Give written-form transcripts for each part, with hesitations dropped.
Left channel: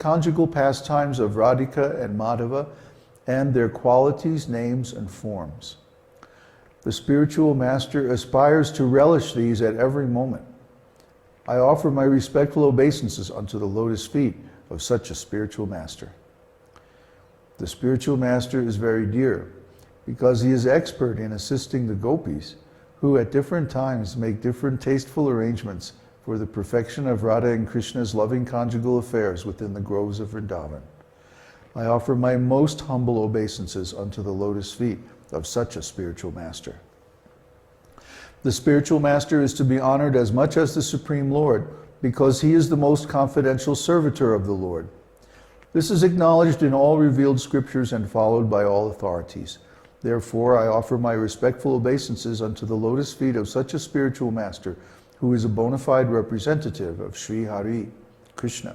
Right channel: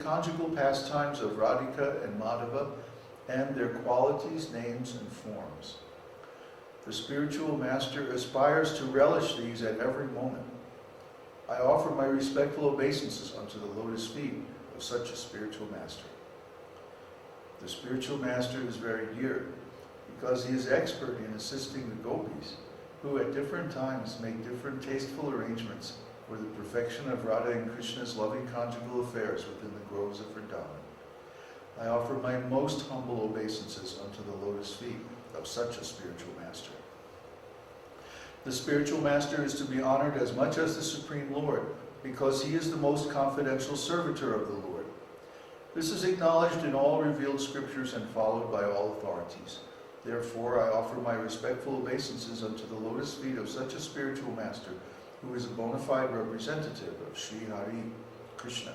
conjugal pastimes of Radhika and Madhava, and their qualities, names, and forms. The spiritual master aspires to relish these at every moment. I offer my respectful obeisances unto the lotus feet of such a spiritual master. The spiritual master is very dear because he is expert in assisting the gopis who at different times make different tasteful arrangements for the perfection of Radha and Krishna's loving conjugal affairs within the groves of Vrindavan. I offer my most humble obeisances unto the lotus feet of such a spiritual master. The spiritual master is to be honored as much as the Supreme Lord because he is the most confidential servitor of the Lord. This is acknowledged in all revealed scriptures and followed by all authorities. Therefore, I offer my respectful obeisances unto the lotus feet of such a spiritual master who is a bona fide representative of Sri Hari, Krishna.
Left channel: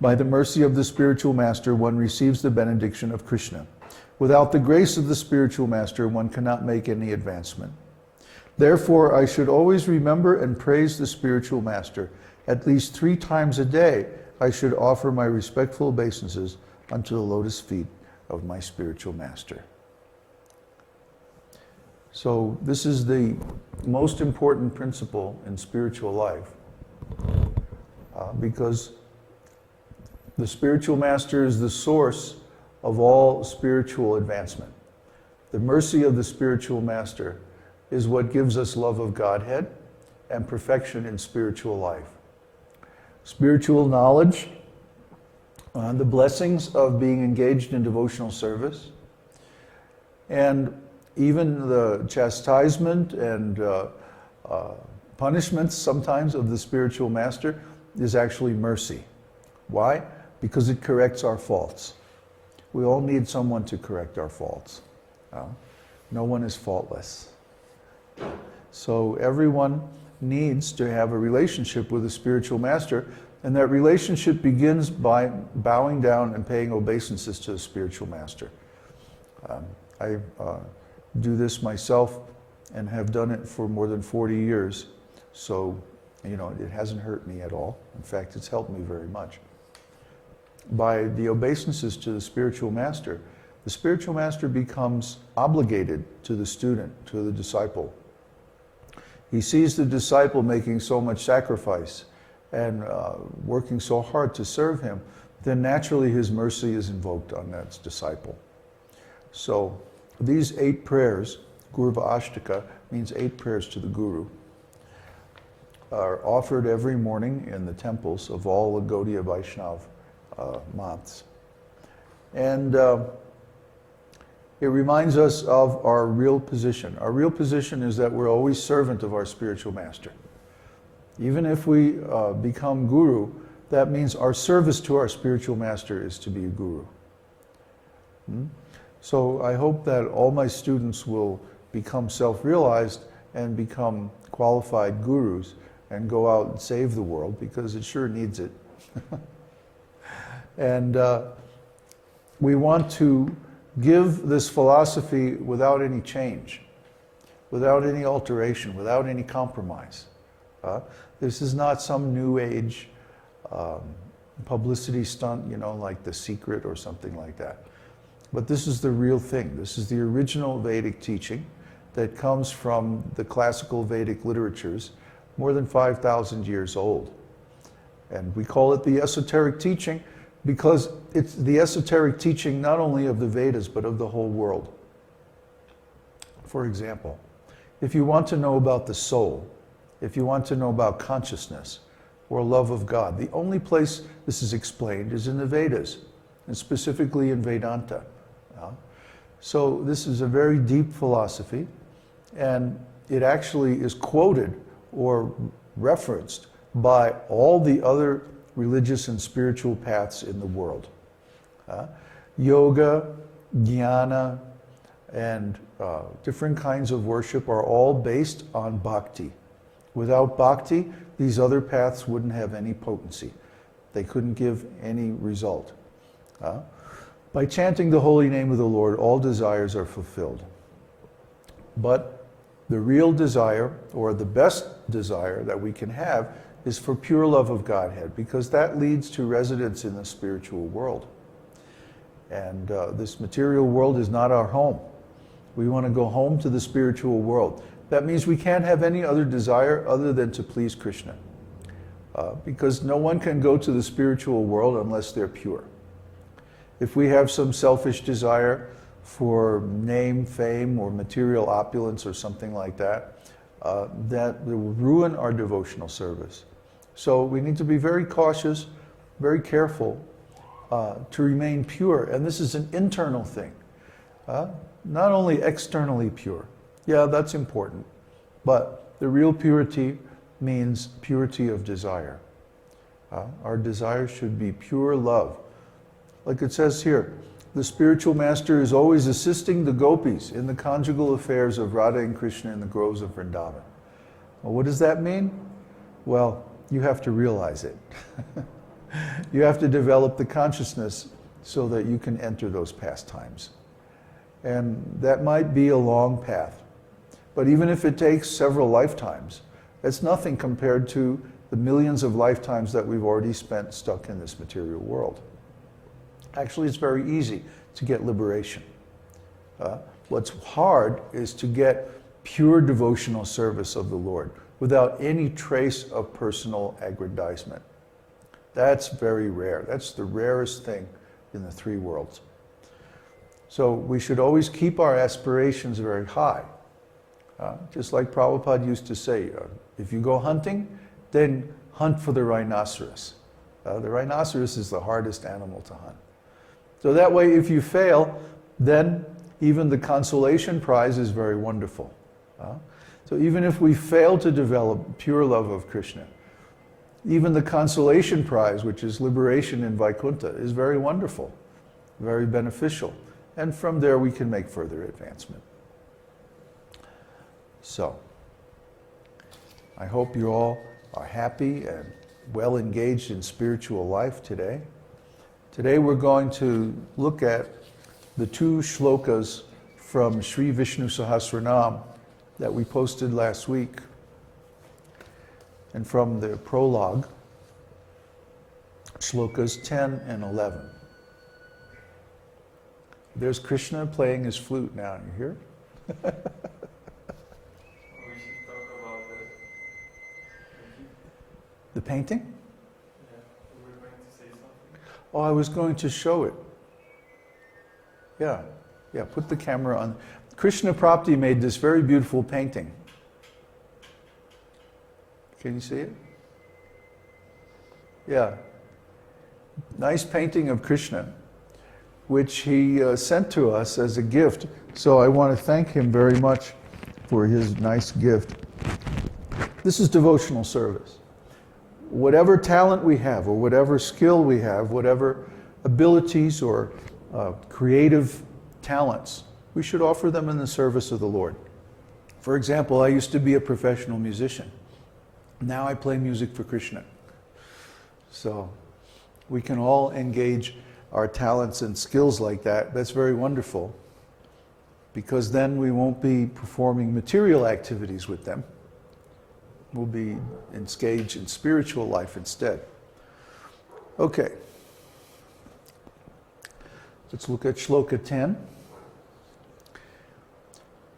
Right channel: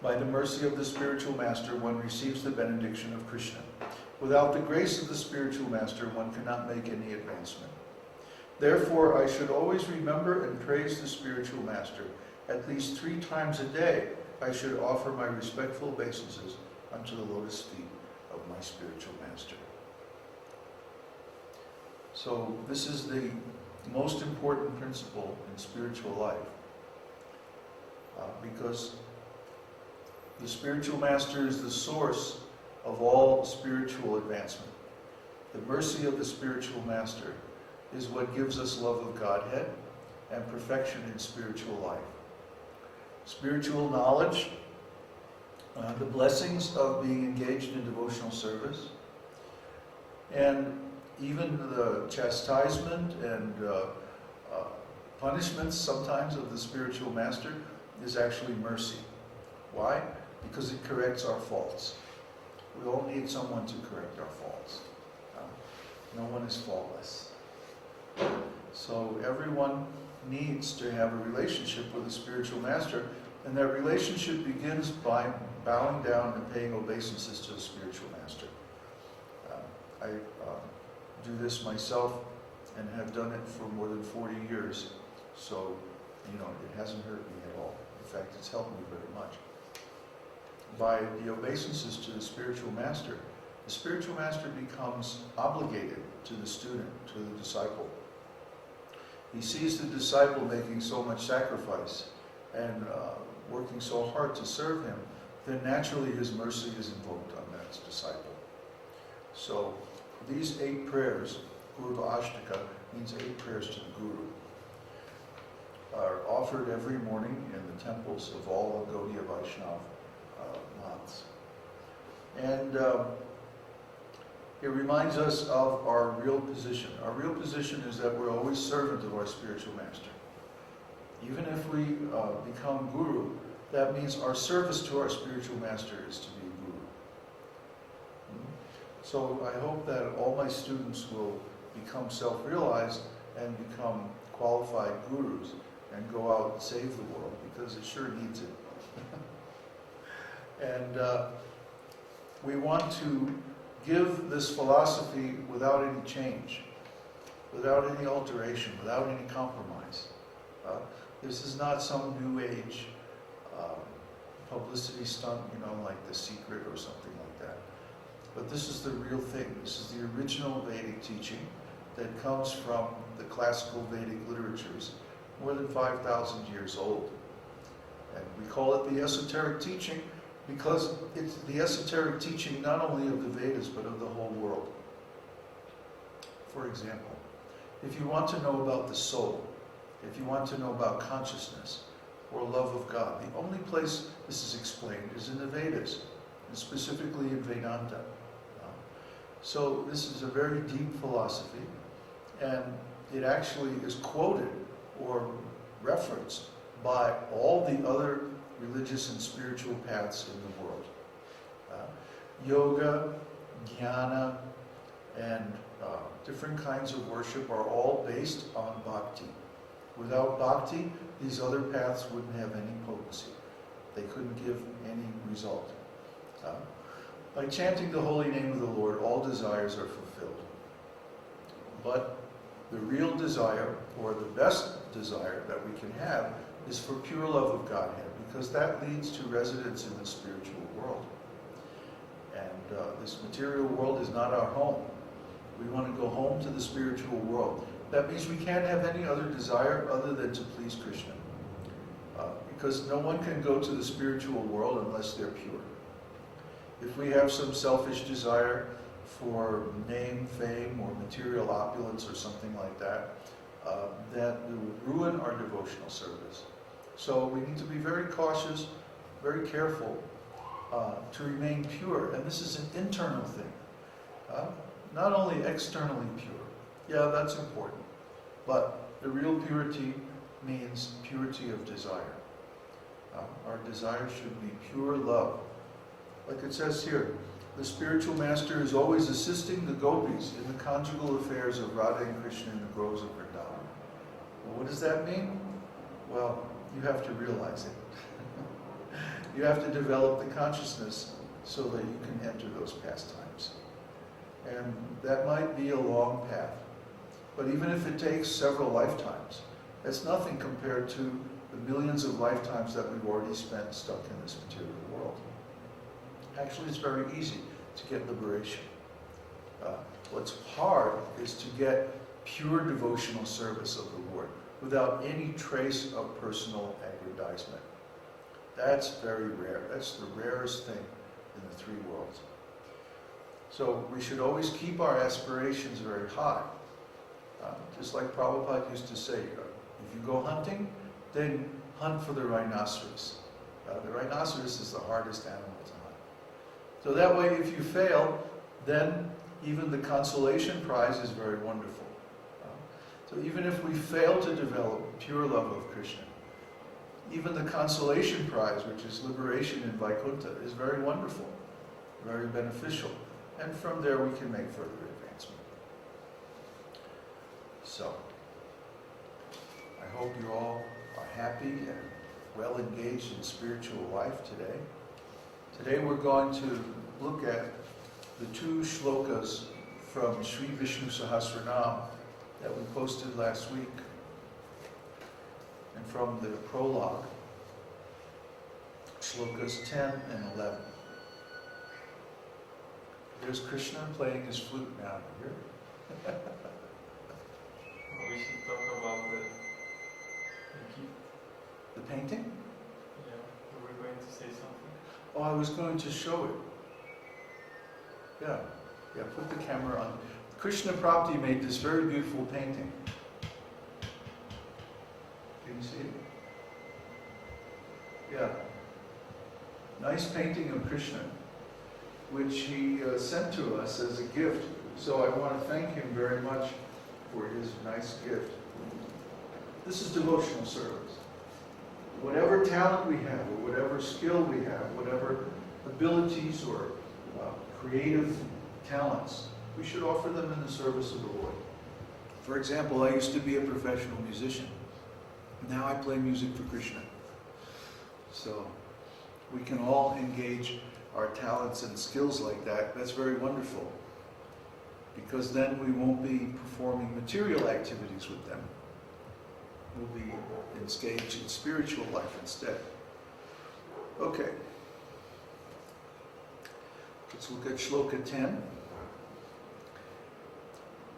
By the mercy of the spiritual master, one receives the benediction of Krishna. Without the grace of the spiritual master, one cannot make any advancement. Therefore, I should always remember and praise the spiritual master. At least 3 times a day, I should offer my respectful obeisances unto the lotus feet of my spiritual master. So this is the most important principle in spiritual life because the spiritual master is the source of all spiritual advancement. The mercy of the spiritual master is what gives us love of Godhead and perfection in spiritual life. Spiritual knowledge, the blessings of being engaged in devotional service, and even the chastisement and punishments sometimes of the spiritual master is actually mercy. Why? Because it corrects our faults. We all need someone to correct our faults. No one is faultless. So everyone needs to have a relationship with a spiritual master, and that relationship begins by bowing down and paying obeisances to the spiritual master. I do this myself and have done it for more than 40 years, so it hasn't hurt me at all. In fact, it's helped me very much. By the obeisances to the spiritual master becomes obligated to the student, to the disciple. He sees the disciple making so much sacrifice and working so hard to serve him, then naturally his mercy is invoked on that disciple. So these 8 prayers, Gurva Ashtaka, means 8 prayers to the Guru, are offered every morning in the temples of all the Gaudiya Vaishnava months. And it reminds us of our real position. Our real position is that we're always servant of our spiritual master. Even if we become guru, that means our service to our spiritual master is to be a guru. So I hope that all my students will become self-realized and become qualified gurus and go out and save the world, because it sure needs it. And we want to give this philosophy without any change, without any alteration, without any compromise. This is not some new age publicity stunt, like The Secret or something like that. But this is the real thing. This is the original Vedic teaching that comes from the classical Vedic literatures, more than 5,000 years old. And we call it the esoteric teaching because it's the esoteric teaching not only of the Vedas, but of the whole world. For example, if you want to know about the soul, if you want to know about consciousness or love of God, the only place this is explained is in the Vedas, and specifically in Vedanta. So this is a very deep philosophy, and it actually is quoted or referenced by all the other religious and spiritual paths in the world. Yoga, jnana, and different kinds of worship are all based on bhakti. Without bhakti, these other paths wouldn't have any potency. They couldn't give any result. By chanting the holy name of the Lord, all desires are fulfilled. But the real desire, or the best desire that we can have, is for pure love of Godhead, because that leads to residence in the spiritual world. And this material world is not our home. We want to go home to the spiritual world. That means we can't have any other desire other than to please Krishna. Because no one can go to the spiritual world unless they're pure. If we have some selfish desire for name, fame, or material opulence or something like that, that will ruin our devotional service. So we need to be very cautious, very careful to remain pure. And this is an internal thing, not only externally pure. Yeah, that's important. But the real purity means purity of desire. Our desire should be pure love. Like it says here, the spiritual master is always assisting the gopis in the conjugal affairs of Radha and Krishna in the groves of Vrindavan. Well, what does that mean? Well, you have to realize it. You have to develop the consciousness so that you can enter those pastimes. And that might be a long path. But even if it takes several lifetimes, that's nothing compared to the millions of lifetimes that we've already spent stuck in this material world. Actually, it's very easy to get liberation. What's hard is to get pure devotional service of the Lord without any trace of personal aggrandizement. That's very rare. That's the rarest thing in the three worlds. So we should always keep our aspirations very high. Just like Prabhupada used to say, if you go hunting, then hunt for the rhinoceros. The rhinoceros is the hardest animal to hunt. So that way, if you fail, then even the consolation prize is very wonderful. So even if we fail to develop pure love of Krishna, even the consolation prize, which is liberation in Vaikuntha, is very wonderful, very beneficial. And from there we can make further advancement. So, I hope you all are happy and well engaged in spiritual life today. Today we're going to look at the two shlokas from Sri Vishnu Sahasranam that we posted last week, and from the prologue, shlokas 10 and 11. There's Krishna playing his flute now, you hear? We should talk about The painting? Yeah, we were going to say something. Oh, I was going to show it. Yeah, put the camera on. Krishna Prapti made this very beautiful painting. Can you see it? Yeah. Nice painting of Krishna, which he sent to us as a gift. So I want to thank him very much for his nice gift. This is devotional service. Whatever talent we have, or whatever skill we have, whatever abilities or creative talents, we should offer them in the service of the Lord. For example, I used to be a professional musician. Now I play music for Krishna. So we can all engage our talents and skills like that. That's very wonderful, because then we won't be performing material activities with them. We'll be engaged in spiritual life instead. Okay. Let's look at shloka 10.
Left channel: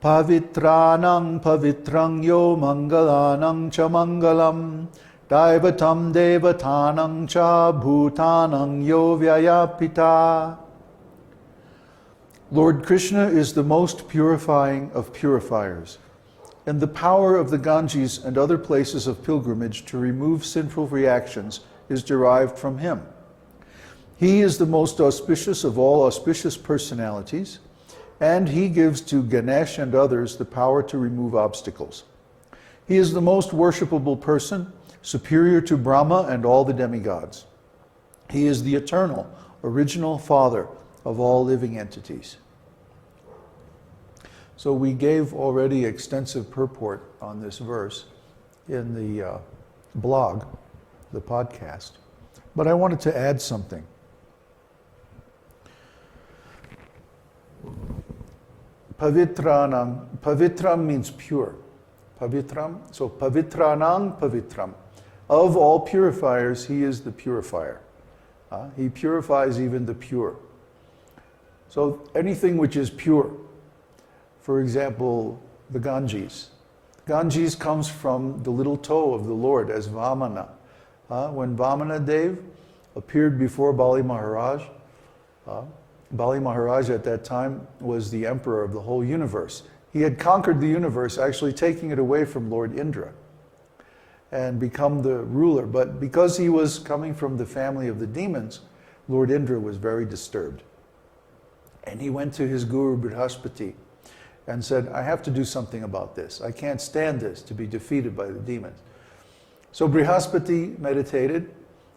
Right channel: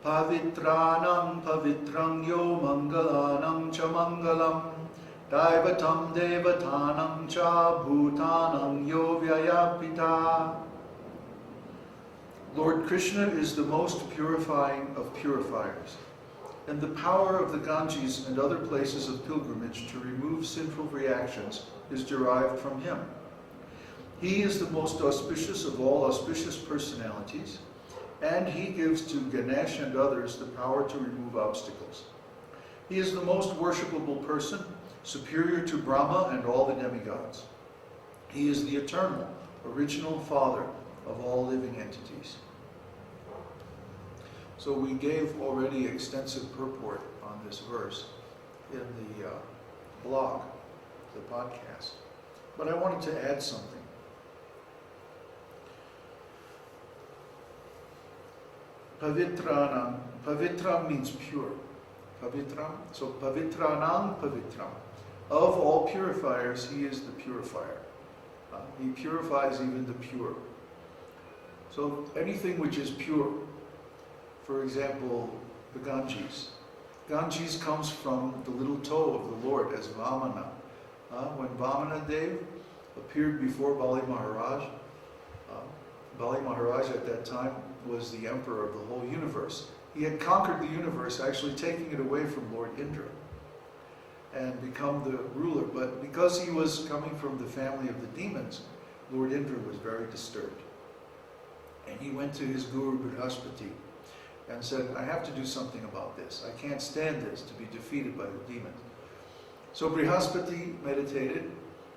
Pavitranang pavitrang yo mangalanang cha mangalam daivatam devatanang cha bhutanang yo vyayapita. Lord Krishna is the most purifying of purifiers, and the power of the Ganges and other places of pilgrimage to remove sinful reactions is derived from him. He is the most auspicious of all auspicious personalities, and he gives to Ganesh and others the power to remove obstacles. He is the most worshipable person, superior to Brahma and all the demigods. He is the eternal, original Father of all living entities. So we gave already extensive purport on this verse in the blog, the podcast, but I wanted to add something. Pavitranam, pavitram means pure. Pavitram, so pavitranam pavitram. Of all purifiers, he is the purifier. He purifies even the pure. So anything which is pure, for example, the Ganges. Ganges comes from the little toe of the Lord as Vamana. When Vamana Dev appeared before Bali Maharaj, Bali Maharaj at that time was the emperor of the whole universe. He had conquered the universe, actually taking it away from Lord Indra and become the ruler. But because he was coming from the family of the demons, Lord Indra was very disturbed. And he went to his guru Brihaspati and said, I have to do something about this. I can't stand this, to be defeated by the demons. So Brihaspati meditated,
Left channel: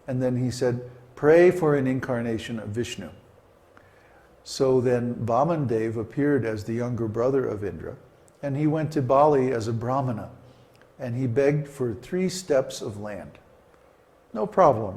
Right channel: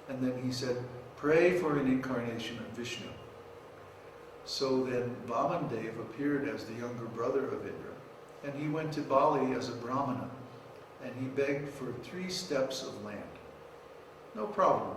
and then he said, pray for an incarnation of Vishnu. So then Vaman Dev appeared as the younger brother of Indra, and he went to Bali as a Brahmana, and he begged for 3 steps of land. No problem, right?